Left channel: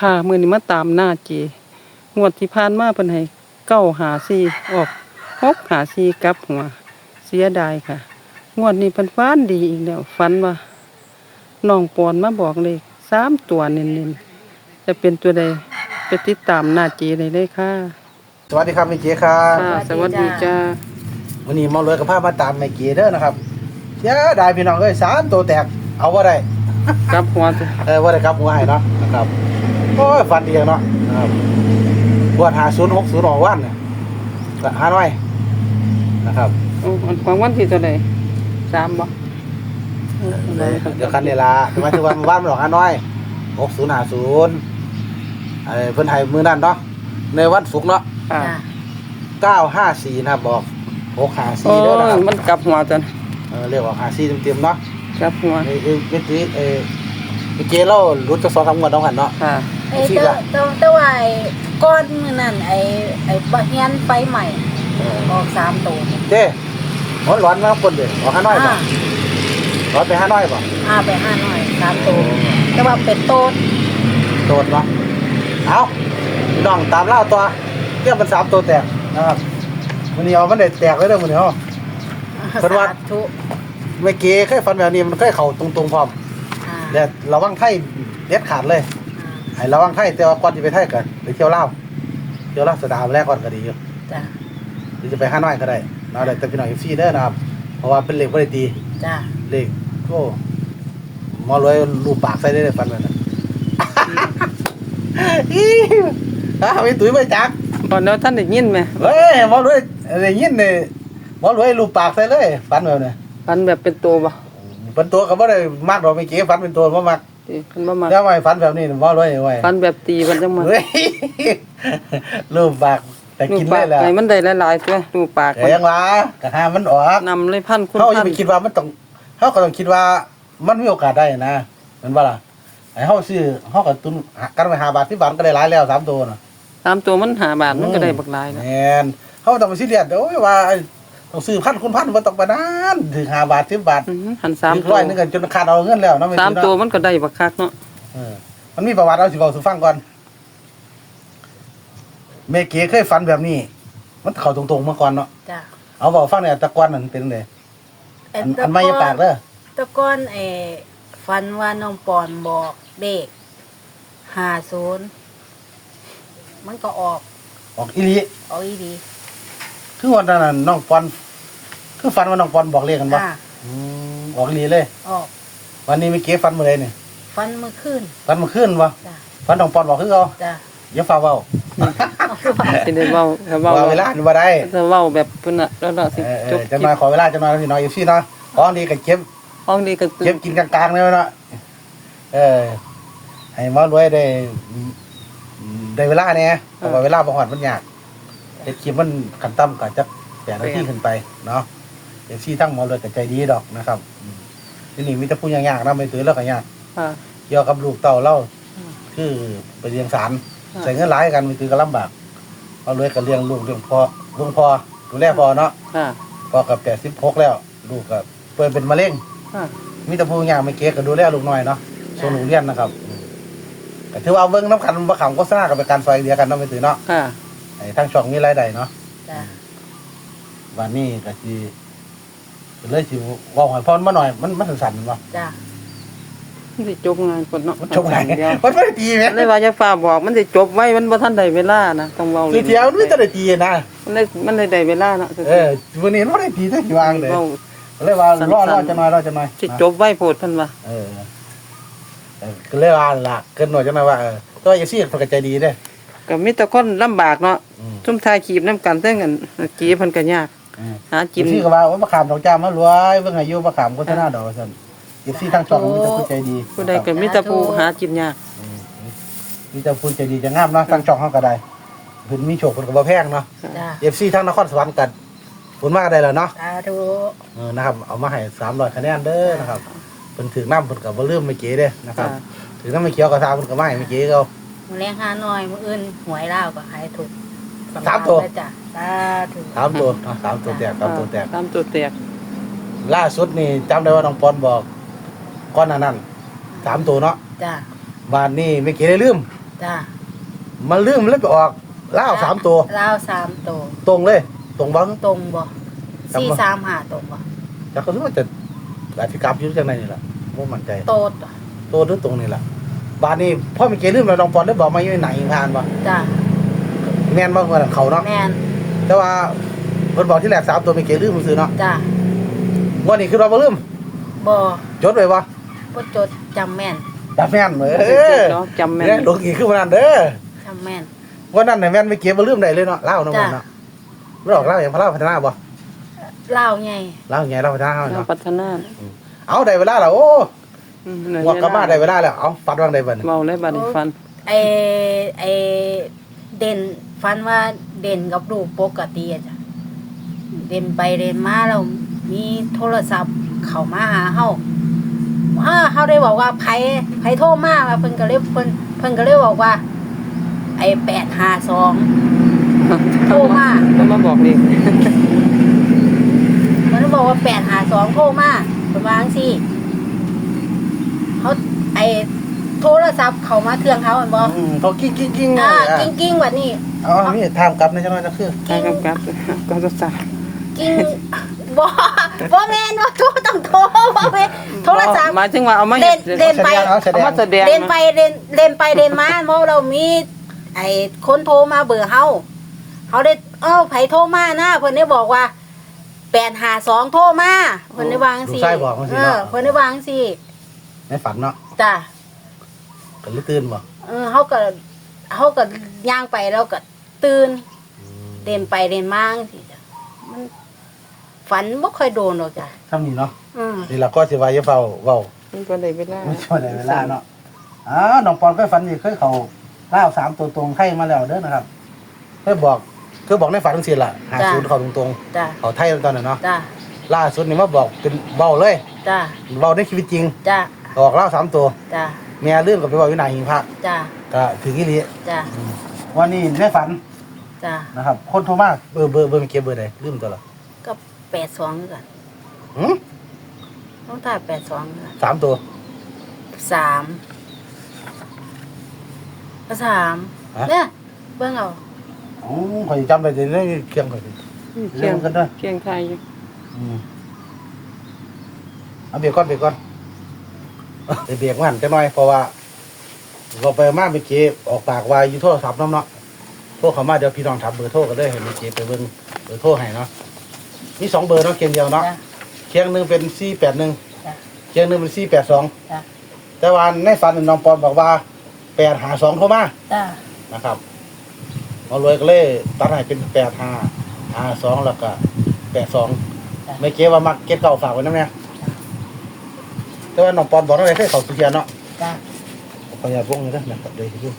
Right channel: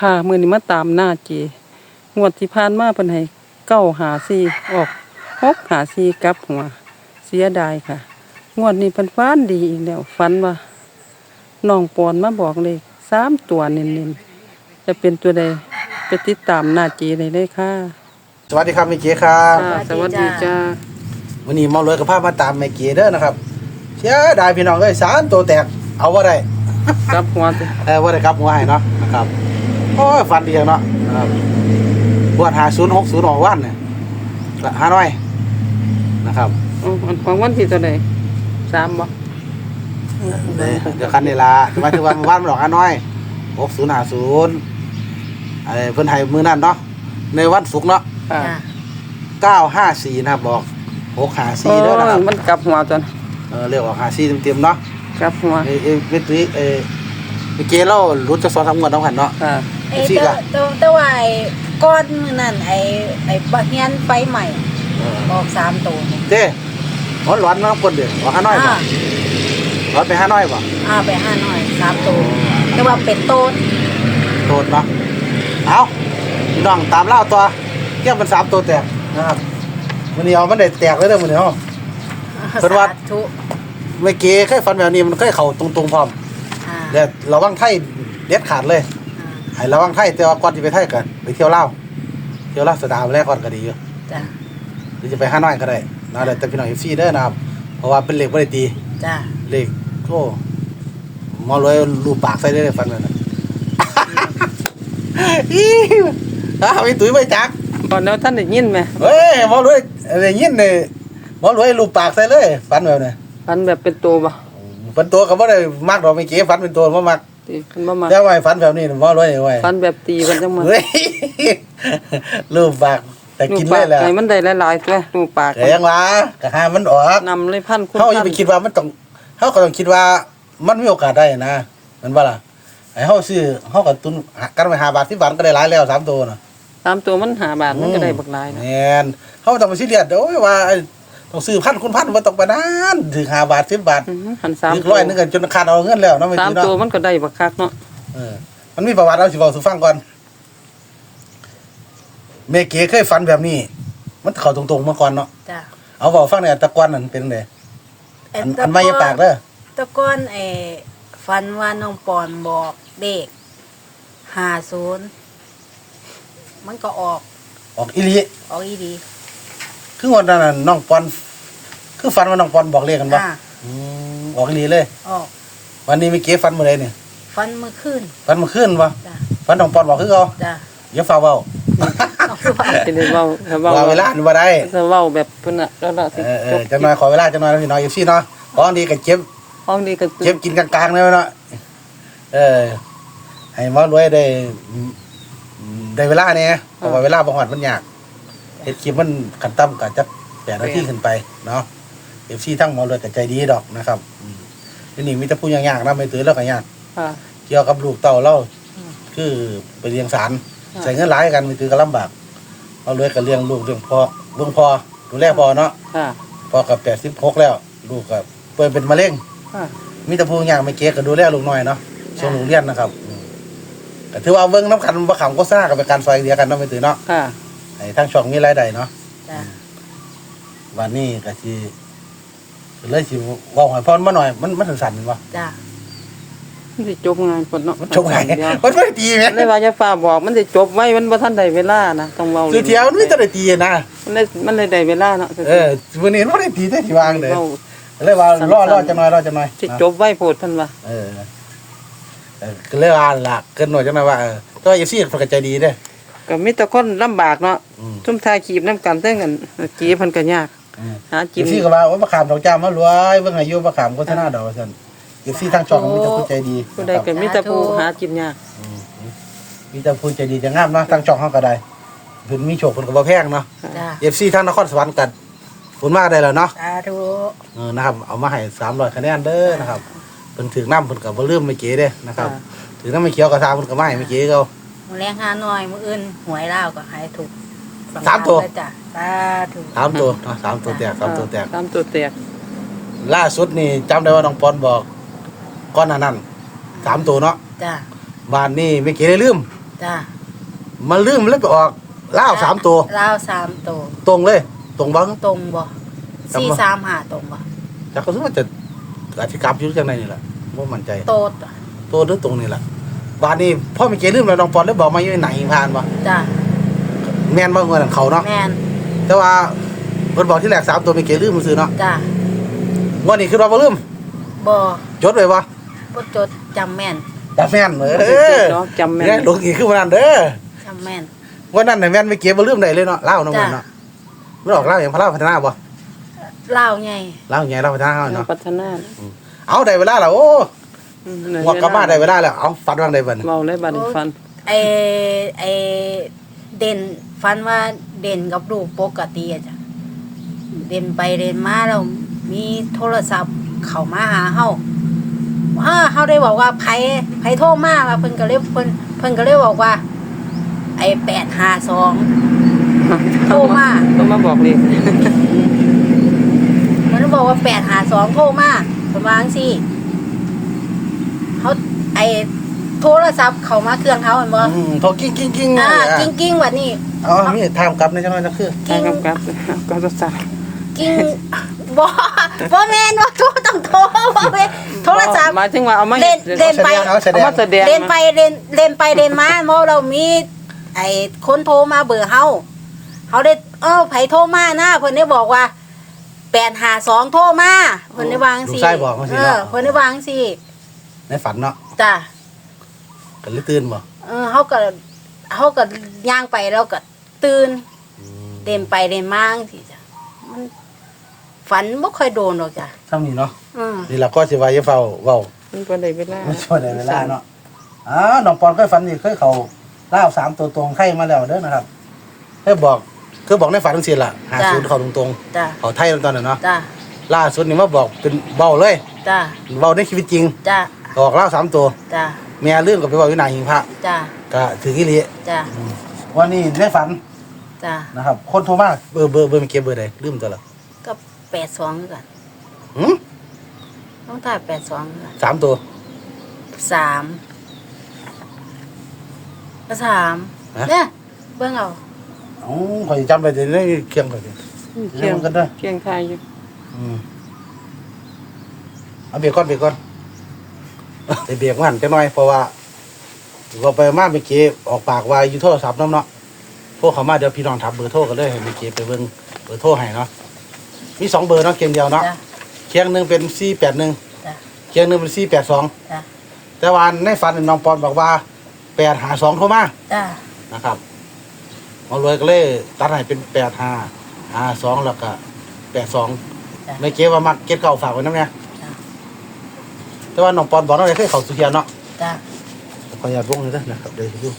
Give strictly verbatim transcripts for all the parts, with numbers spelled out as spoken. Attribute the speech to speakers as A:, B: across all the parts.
A: ค่ะมื้อนี้มาตามหน้าเจงวดที่ผ่านมาเพิ่นให้เก้าหาสี่ออกหกหาสี่กลับหัวเสียดายค่ะงวดนี้เพิ่นฝันดีอีกแล้วฝันว่าน้องปอนมาบอกเลขสามตัวเน้นๆจะเป็นตัวใดไปติดตามหน้าเจได้เลยค่ะ
B: สวัสดีครับแม่เก๋ครับ
A: ค่ะสวัสดีจ้า
B: วันนี้หมอรวยกับพามาตามแม่เก๋เด้อนะครับเสียดายพี่น้องเอ้ยสารตัวแตกเอาบ่ได้
A: กลับหัวสิ
B: เออบ่ได้ครับหัวให้เนาะนะครับโอ้ยฟันดีเนาะนะครับปวดหาศูนย์หกศูนย์ออกวันเนี่ยหาน้อยนะครับ
A: โอ้อันของวันที่เท่าใดสามบ่
B: เดี๋ยวคันเวลาหมายถึงว่าวันมันออกหาน้อยหกศูนย์หาศูนย์ไอ้เพิ่นให้มื้อนั้นเนาะในวันศุกร์เนาะ
A: ค่ะ
B: เก้าห้าสี่นะครับบอกหกห้า
A: โอ้
B: สี่เด้อนะค
A: ย
B: รับ
A: มันกลับหัวจัง
B: เออเรียกว่าห้าสี่เต็มๆเนาะ
A: กลับหัว
B: เอ้เอ้เวทีเอ้เมื่อกี้เรารู้จะสอนทำงานต้องหันเนาะ
A: ค่ะ
C: ไอ้ตัวตัวตัวไอ้ก้อนนั่นไอ้ไอ้บักเฮียนไฟใหม่ออกสามตัวนี่
B: เด้ร้อนร้อนนะคนเดียวร้อนห้าน้อยป่ะ
C: อ่า
B: ร้อนไปห้าน้อยป่ะ
C: อ่าไปห้าหน่อยสามตัวแต่ว่าเป็ดโตด
B: โตดเนาะเอาพี่น้องตามเล่าตัวเทียบเป็นสามตัวแตกนะครับมันนี้เอามันได้แตกเลยเด้อมันนี้เนาะ เพิ่นว่า
C: สาธุ
B: เมื่อกี้เคยฟันแบบนี้มันเคยเข่าตรงๆพร้อม
C: อ่า
B: เดี๋ยวระวังไทยเด็ดขาดเลยไอ้ระวังไทยแต่ว่าก่อนที่ไปไทยกันไปเที่ยวเล่าวเที่ยวเล่าวสดามาแรกก่อนก็ดีอยู่
C: จ้ะ
B: หรือจะไปห้าน้อยก็ได้นะแต่พี่น้องเอฟซีเด้อนะครับเพราะว่าเป็นเหล็กไม่ได้ตี
C: จ้ะ
B: เหล็กโอ้หมอรวยรูปปากใส่ได้เลยฟันเลยนะ อีอ่ะไม่ตุ้ยไม่จัก
A: ก่อนแล้วท่านได้ยินไหม
B: เฮ้ยหมอรวยอะไรยินเลยหมอรวยรูปปากใส่เลยฟันแบบนี้
A: ฟันแบบเป็นตัวบ่
B: เป็นตัวก็ไม่ได้มากหรอกไม่เก๋ฟันเป็นตัวไม่มาก
A: ที่เพิ่นบ่มา
B: แล้วไว้ฟันแบบนี้หมอรวยไว้
A: ฟันแบบตีเพิ่นจังมัน
B: เฮ้ยรูปปากแต่
A: ลู
B: กิ
A: ก
B: น
A: ปา
B: ได้
A: ก
B: แล้ว
A: ไงมันได้หลายๆตัวลูกปาก
B: แต่ยังวะกะหามันออก
A: นำเลยพันคุณ
B: เขาอย่า
A: พัน
B: ไปคิดว่ามันต้องเขาก็ต้องคิดว่ามันมีโอกาสได้นะเห็นป่ะล่ะไอ้เขาซื้อเขาก็ตุนกันไปหาบาทที่บาทก็ได้หลายแล้วสามตัวน่ะ
A: ตามตัวมันหาบาทมันก็ได้บักหลายนะ
B: แม่นเขาต้องไปซีเรียสโอ้ยว่าต้องซื้อพันคุณพันมันต้องไปนานถึงหาบาทสิบบาท
A: อือหันสาม
B: ถึง
A: ตัว
B: ร้อยหนึงกันจนขาดเอาเงินแล้วนะไม่
A: สาม
B: ถือ
A: ตัว
B: เนาะ
A: มันก็ได้บักคักเนาะ
B: เออมันมีประวัติเราสิบอกสู่ฟังก่อนเมเก๋เคยฝันแบบนี้ มันเข้าตรงๆมาก่อนเนาะ
C: จ้ะ
B: เอาบอกฟังเนี่ยตะกอนนั่นเป็นไง
C: ไอ้
B: อัน
C: ตะ
B: อันไม่ยาปากเด้อ
C: ตะก้อนไอ้ฟันว่าน้องปอนบอกเด็กห้าศูนย์มันก็ออก
B: ออกอีหลี
C: ออกอีดี
B: คือวันนั้นนะน้องปอนคือฟันว่าน้องปอนบอกเลขกันบ่
C: อ่า
B: อืมออกอีหลีเลย
C: ออก
B: วันนี้เมื่อกี้ฟันมื้อใดนี่
C: ฟันเมื่อคืน
B: ฟันมื้อคืนบ่
C: จ้ะ
B: ฟันน้องปอนบอกคือเอา
C: จ้ะ
B: อย่าฟ้าเว้า
C: เอาคือว่า
A: สิได้เว้าถ้าเว้า
B: ว่าเวลานี่บ่ได้
A: ถ้าเว้าแบบเพิ่นน่ะแล้วเราสิ
B: เออเอ
A: จ
B: อบ จังหน่อยขอเวลาจังหน่อยพี่น้อยอยู่ซี่เนาะของดีก็เจ็บ
A: ห้องนี้ก็ตื่
B: เจ็บ
A: น
B: กินกลางๆเลยเนาะเออให้หมอรวยได้ได้เวลาเนี่ยเพราะว่าเวลาบ่ฮอดมันยากเฮ็ดคลิปมันขั้นต่ำก็จักแปดนาทีขึ้นไปเนาะ เอฟซีทั้งหมอรวยก็ใจดีดอกนะครับอืมทีนี้มีแต่ผู้ยากๆนะไม่ถือแล้วก็ยาก
A: ค่ะ
B: เกี่ยวกับลูกเต้าเล่า
C: อืม
B: คือไปเลี้ยงสาร
A: ค่ะ
B: ใส่เงินหลายกันมันคือก็ลำบากเอาเลยก็เลี้ยงลูกเลี้ยงพ่อลุงพ่อดูแลพ่อเนาะ
A: ค่ะ
B: พ่อกับแปดสิบหกแล้ว ลูกก็ป่วยเป็นมะเร็ง
A: ค่ะ
B: มีแต่ผู้ยากไม่เก๊ก็ดูแลลูกน้อยเนาะส่งลูกเรียนนะครับอืมก็ถือว่าเบิ่งน้ำขันบ่ขำโฆษณากับเป็นการซอยเดียวกันเนาะไม่ถือเนาะ
A: ค่ะ
B: ให้ทั้งช่องมีรายได้เนาะ
C: จ้ะ
B: วันนี้ก็สิเลยสิเว้าให้พ่อมาหน่อยมันมันสั่นๆบ่
C: จ้ะ
A: มันสิจบงานก่อนเนาะ
B: มันจบไง
A: เดียว
B: มันไม่ได้ตีไหม
A: เลยว่าจะฝากบอกมันสิจบไว้มันบ่ทันได้เวลานะต้องเว้า
B: คือเที่ยวมันไม่ได้ตีนะ
A: มันได้มันเลยได้เวลาเนาะ
B: เออวันนี้มันไม่ได้ตีได้ที่วางเลย
A: เว้า
B: เลยว่ารอ
A: สั้
B: ร
A: นๆ
B: อจะน้อยรอจะน้อย
A: สิจบไว้โพดเพิ่นว่า
B: เออเออก็เลยว่าล่ะเกินหน่อยจะน้อยว่าเออตัวอย่าซีดใจดีเด้อ
A: ก็มีแต่คนลำบากเนาะ
B: อืม
A: ซุ่มทายขีบน้ำกันเทั้งกันกีเพิ่นก็ยาก
B: อืม
A: หา
B: อ
A: กิน
B: ย่าซีก็ว่าว่ามะขามดอกจ้ามารวยเบิ่งอายุมะขามโฆษณาดอกซั่นอย่าซีทางช่องมีแต่ผู้ใจดี
A: ผู้ใดก็มีแต่ผู้หากินยาก
B: อืมมีแต่ผู้ใจดีจะงามนะทางช่องเฮาก็ได้เพิ่นมีโชคเพิ่นก็บ่แพงเนาะ
C: จ้ะ
B: เอฟซีทางนครสวรรค์กันขอบคุณมากได้แล้วเนาะ
C: สาธุ
B: เออนะครับเอามาให้สามร้อยคะแนนเด้อนะครับเพิ่นถึงน้ำเพิ่นก็บ่ลืมไม่เก๋เด้นะครับ
A: ค่ะ
B: ถึงน้ำไม่เขียวก็ทางเพิ่นก็มาให้ไม่เก๋เขา
C: มือแรงหาหน่อยมืออื่นหวยเล่าวก็หายถูก
B: สามตัว
C: สำคัญเลยจ้ะสาธุ
B: สามตัวนะสามตัวแตกสามตัวแตก
A: ตามตัวแตก
B: ล่าสุดนี่จำได้ว่าน้องปอนบอกก้อนหนานั้นสามตัวเนาะ
C: จ้ะ
B: บ้านนี้ไม่เก๋ได้ลืม
C: จ้า
B: มันลืมมันเลยไปออกเล่าวสามตัว
C: ลาวสามตัว
B: ตรงเลย ตรงบ้าง
C: ตรงบ่
B: จำบ่
C: สี่สามหาตรงบ่
B: จากก็รู้ว่าจะอธิกรรมอยู่จังไหนนี่แหละว่ามั่นใจ
C: โตด
B: ตัวหรือตรงนี่แหละบานนี้พ่อมีเกลืมแล้วน้องปอนได้บอกมาอยู่ไหนผ่านวะ
C: จ้า
B: แม่นว่าเงินของเขาเนาะ
C: แม่น
B: แต่ว่าเพิ่นบอกที่แรกสามตัวมีเกลืมมันซื้อเนาะ
C: จ้า
B: วันนี้คือเราบ่ลืม
C: บ่
B: จดไว้บ่
C: บ่จดจำแม่น
B: จำแม่นเอ
A: เอ
B: อ
A: เนาะจำแม่น
B: เนี่ยหลวงอีกคือวันนั้นเด้อ
C: จำแม่น
B: วันนั้นน่ะแม่นไม่เก็บบ่ลืมได้เลยเนาะเล่าเนาะ
C: จ้ะ
B: เนาะมันออกเล่าอย่างพระเล่าพัฒนาบ่
C: ลาวไง
B: เล่าอย่างไงเล่าพัฒนา
A: เรา
B: เนาะ
A: พัฒนา
B: เอาได้เวลาแล้วโอ้
A: อืมได้
B: ว่ากลับบ้านได้เวลาแล้วเอาฟัดวางได้บัดนี้
A: เมาเลยบัดนี้ฟัน
C: ไอไอเด่นฟันว่าเด่นกับลูกปกติอะจ้ะเด่นไปเด่นมาแล้วมีโทรศัพท์เข้ามาหาเฮาอ่าเฮาได้บอกว่าไผไผโทรมาว่าเพิ่นก็เลยเพิ่นเพิ่นก็เลยบอกว่า ไอ้แปดห้าสอง โทรมา
A: ต้องมาบอกเลย
C: มันบอกว่าแปดห้าสองโทรมาเพิ่นว่าจังซี่เฮาไอ้โทรศัพท์เข้ามาเครื่องเฮาแม่นบ่
B: อืมโทรกิ้งกิ้งกิ้ง
C: อ่ากิ้งๆบัดนี้
B: อ๋อมีทางกลับในจังหวัดนะคือ
A: ทางกำกับก็จะสั่ง
C: กิ้งบ่บ่แม่นว่าโทรต้องโทรบ่แม่นโทรศัพท์
A: หมายถึงว่าเอามา
C: เล่
A: เฮ็ด
C: นเล่นไป
B: เอาแสด
A: เอา
B: ง
A: มาแสดง
C: เล่นไปเล่นเล่นไปเล่นมาเมื่อเรามีไอ้คนโทรมาเบอร์เฮาเฮาได้เอ้าไผโทรมานะเพิ่นได้บอกว่าแปดห้าสองโทรมาเพิ่นได้วาจัง
B: ลู
C: ซี่
B: กชายบอกมาสิ
C: เออ
B: เนาะ
C: เพิ่นได้วาจังซี่
B: ในฝันเนาะ
C: จ้ะ
B: ก็เลยตื่นบ่
C: เออเฮาก็เฮาก็ย่างไปแล้วก็ตื่นเล่นไปเล่นมาจังซี่จ้ะมันฝันบ่ค่อยโดนหรอกจ้ะ
B: เท่านี้เนาะ
C: อืม
B: นี่ล่ะก็สิว่าอย่าเฝ้าเว้า
A: มันบ่ได้เวลา
B: ไม่ช่วยได้เวลาเนาะอ๋อน้องปอนเคยฝันนี่เคยเข้าเล่าวสามตัวตรงไข่มาแล้วเด้อนะครับเคยบอกคือบอกในฝันจังซี่ล่ะหาศูนย์เข้าตรง
C: จ้ะ
B: ๆเข้าไทยตอนนั้นเนาะ
C: จ้ะ
B: ล่าสุดนี่มาบอกเป็นเว้าเลย
C: จ้ะ
B: เว้าในชีวิตจริง
C: จ้ะ
B: ออกเล่าวสามตัว
C: จ้ะ
B: แม่เรื่องก็ไปเว้าอยู่หน้าหิ้งพระ
C: จ้ะ
B: ก็ถืออีหลี
C: จ้ะ
B: วันนี้ในฝัน
C: จ้ะ
B: นะครับ คนโทรมาเบอร์เบอร์เบอร์มันเก็บเบอร์ใดลืมตัวละ
C: ก็แปดสองคือกัน
B: หืม
C: ต้องถ่ายแปดสองค่ะ
B: สามตัว
C: สามก็สามเนี่ยเบิ่งเอา
B: อ๋อข่อยจำได้แต่ในเครื่องข่อย
A: เคียง
B: กันเด้อ
A: เคียงไทยอยู่
B: อืมเอาเบียร์ก่อนเบียร์ก่อนไปเบียร์ก่อนจังหน่อยเพราะว่าเราไปมาเมื่อกี้ออกปากว่าอยู่โทรศัพท์น้องเนาะพวกเขามาเดี๋ยวพี่น้องถามเบอร์โทรกันเลยให้เมื่อกี้ไปเบิ่งเบอร์โทรให้เนาะมีสองเบอร์เนาะเกณฑ์เดียวเนาะ
C: จ้ะ
B: เคียงหนึ่งเป็นสี่แปดหนึ่ง
C: จ้ะ
B: เคียงหนึ่งเป็นสี่แปดสอง
C: จ้ะ
B: แต่ว่าในฝันน้องปอนบอกว่าแปดหาสองเข้ามา
C: จ้ะ
B: นะครับหมารวยก็เลยตัดให้เป็นแปดห้าห้าสองแล้วก็แปดสองในเกว่ามักเก็ตเก่าฝากไว้น้ำเนี่ยแต่ว่าน้องปอนบอกอะไรเคยเขาสุเทียนเนาะ
C: จ้ะ
B: ขออยากลงเลยนะครับเดี๋ยวดู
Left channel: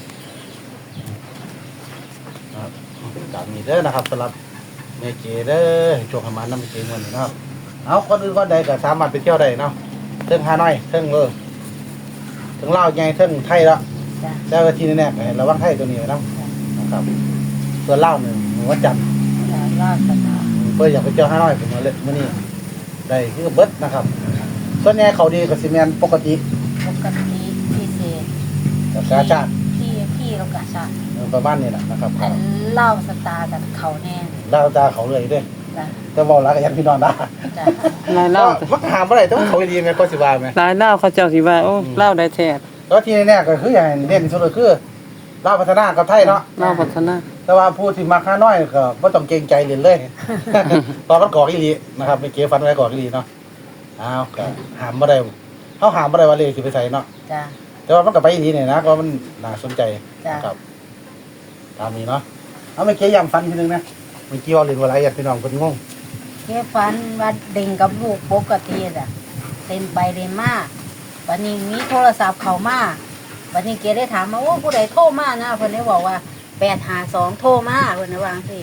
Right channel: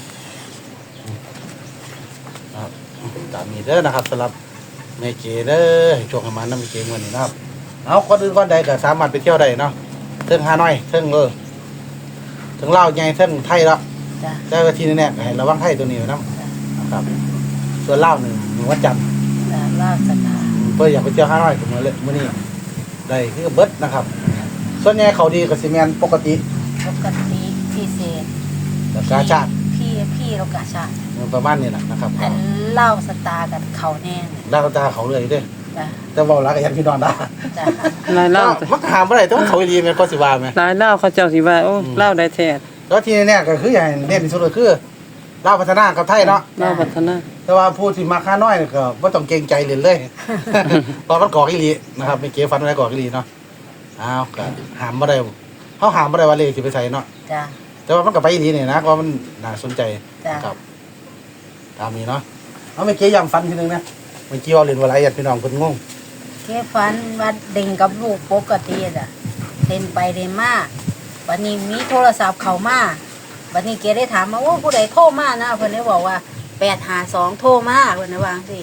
B: ครับตามนี้เด้อนะครับสำหรับในเกเด้อช่วงประมาณนั้นในเกเงินนี่นะครับเอาคนอื่นคนใดก็สามารถไปเที่ยวได้เนาะเทิงฮานอยเทิงเออเทิงลาวใหญ่เทิงไทยแล้ว
C: จ้ะ
B: แต่ว่าที่แน่ๆให้ระวังไทยตัวนี้ไว้นะนะครับส่วนลาวนี่มื้อวันจันทร์
C: จ้ะลาสตา
B: เพื่ออยากไปเที่ยวฮานอยผมมาเล่นมื้อนี้ได้คือเบิดนะครับ ส่วนใหญ่เขาดีกับซีเมนปกติ
C: ปกติพิเศษ
B: กับกาชาติ
C: พี่พี่เรากะชา
B: ประมาณนี้แหละนะครับ
C: อันเล่าสตาร์กับเขาแน่
B: ดาวตาเขาเลยเด้อ
C: จ้ะ
B: แต่เว่ารักยังพี่นอนได้
C: จ้ะ
A: ลายเล่า
B: มันก็หามบ่ได้ต้องเขาดีแม่นก็สิว่าแม่
A: ลายเล่าเขาเจ้าสิว่าโอ้เล่าได้แท้
B: แล้วที่แน่ๆก็คืออย่างเด่นที่สุดก็คือลาวพัฒนากับไทยเนาะ
A: เล่าพัฒนา
B: แต่ว่าผู้ที่มาค่าน้อยก็บ่ต้องเกรงใจเลยเลย เพราะมันก่ออีหลีนะครับไม่เก๋ฟันอะไรก่ออีหลีเนาะอ้าวก็หามบ่ได้เฮาหามบ่ได้ว่าเลขสิไปใส่เนาะ
C: จ้ะ
B: แต่ว่ามันก็ไปอีหลีเนี่ยนะก็มันน่าสนใจ
C: จ้ะ
B: นะครับตามนี้เนาะเอาไม่เก๋ย้ำฟันทีนึงนะเมื่อกี้ว่าเรียนว่าอะไรอ่ะพี่น้องเพิ่นงง
C: แค่ฝันว่าเด่งกับลูกปกติจ้ะเล่นไปเล่นมาวันนี้มีโทรศัพท์เข้ามาวันนี้เกได้ถามมาว่าผู้ใดโทรมานะเพิ่นได้บอกว่าแปดห้าสองโทรมาเพิ่นได้วาจังสิ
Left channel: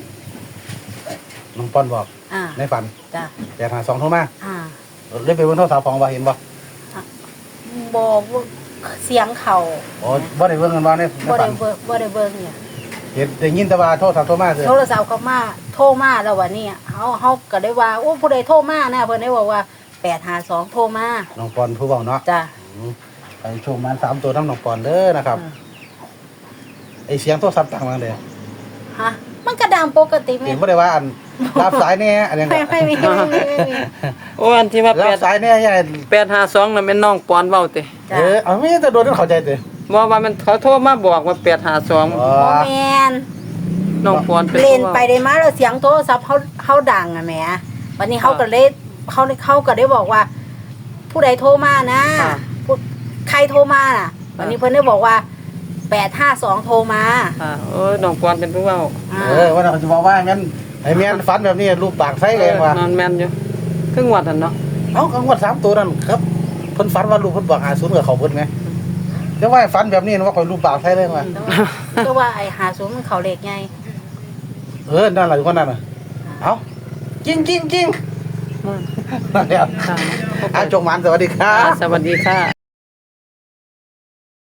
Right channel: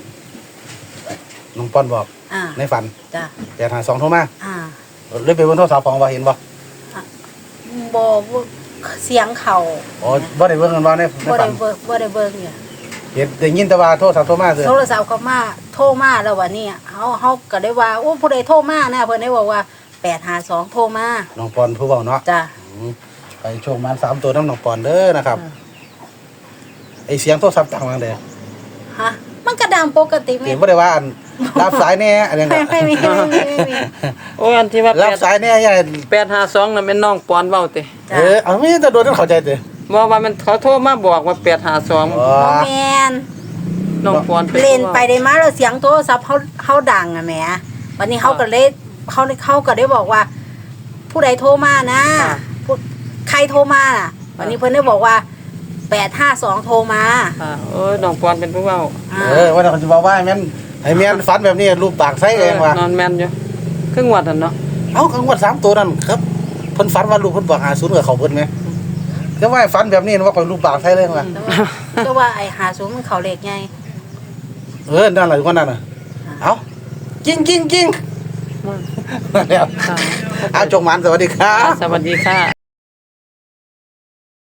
B: น้องป้อนบอก
C: อ่า
B: ในฝัน
C: จ้ะ
B: แต่ทางสองโทรมา
C: อ่า
B: เลยไปบนโทรศัพท์ของว่าเห็นบ่
C: บอกว่าเสียงเขา
B: อ๋อบ่ได้เบิ่งกันว่าในใน
C: บ่
B: ฝั
C: ได้
B: น
C: เบิ่งบ่ได้เบิ่งเนี่ย
B: เห็นได้ยินแต่ว่าโทรศัพท์โทรมาซื่อ
C: โทรศัพท์เขามาโทรมาแล้ววันนี้เฮาเฮาก็ได้ว่าโอ้ผู้ใดโทรมานะเพิ่นได้บอกว่าแปดห้าสองโทรมา
B: น้องปอนผู้เว้าเนาะ
C: จ้ะ
B: อืมไปโชว์มาสามตัวน้ำน้องปอนเด้อนะครับ
C: อ่า
B: อ้เสียงโทรศัพท์ดังมาเลย
C: ฮะมันก็ดังปกติไหม
B: เสียงบ่ได้ว่าอันรับสายแน่อันนี้
C: ไม่ไม่มีไม่มีไม่มี
A: โอ้อันที่ว่าแป
B: รับ
A: ด
B: สายแน่ยังไง
A: แปดห้าสองนั่นแม่นน้องปอนเว้าติ
C: จ้ะ
B: เออเอาไม่จะโดนเข้าใจเด้อ
A: บ่ว่ามันเขาโทรมาบอกว่าแปดห้าสอง
B: อ๋อ
C: โมแมน
A: น้องปอนเป็น
C: เล่
A: ผู้
C: น
A: เว้า
C: ไปได้มาแล้วเสียงโทรศัพท์เขาเขาดังอะแหมวันนี้เขาก็เลยเขาเขาก็ได้บอกว่า ผู้ใดโทรมานะผู้ใครโทรมาน่ะ วันนี้เพิ่นได้บอกว่าแปดห้าสองโทรมา
A: อ่าเออน้องปอนเป็นผู้เว้า
C: อ่า
B: เออวันนี้เขาจะบอกว่างั้นไอ้แม่นฝันแบบนี้รูปปากไส้
A: เอ
B: เลย
A: อ
B: ว่าน
A: อนแม่นอยู่ครึ่งวัดนั่นเนาะ
B: เอ้ากังวดสามตัวนั่นครับเพิ่นฝันว่าลูกเพิ่นบอกหาศูนย์กับเขาเพิ่นไงแต่ว่าฝันแบบนี้ว่าเขารูปปากไส้เลยว่า
C: แต่ว่าแต่ว่าไอ้หาศูนย์มันเขาเล็กไง
B: เออนั่นแหละอยู่คนนั้นน่ะเอ้ากิ้งกิ้งกิ้ง
A: มา
B: นั่นแหละ
A: ค่ะ
B: อาจงหมันสวัสดีครับ
A: สวัสดีค่ะ